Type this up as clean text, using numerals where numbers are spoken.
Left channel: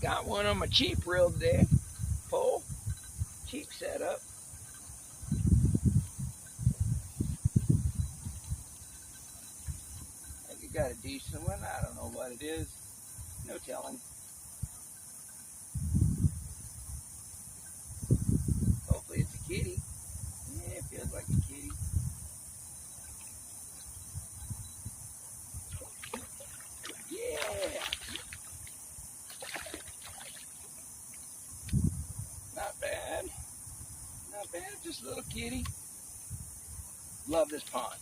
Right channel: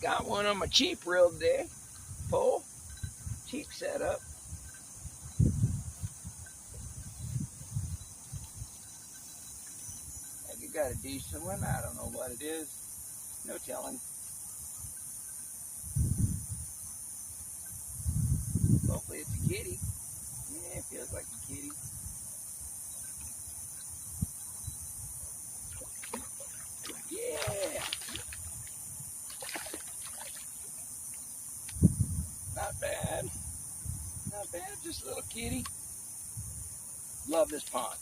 Got one on my cheap reel today. Pole. Cheap setup. Have you got a decent one? I don't know what it is. No telling. Hopefully it's a kitty. Yeah, it feels like a kitty. Yeah. Not bad. Not bad. Just a little kitty. Love this pond.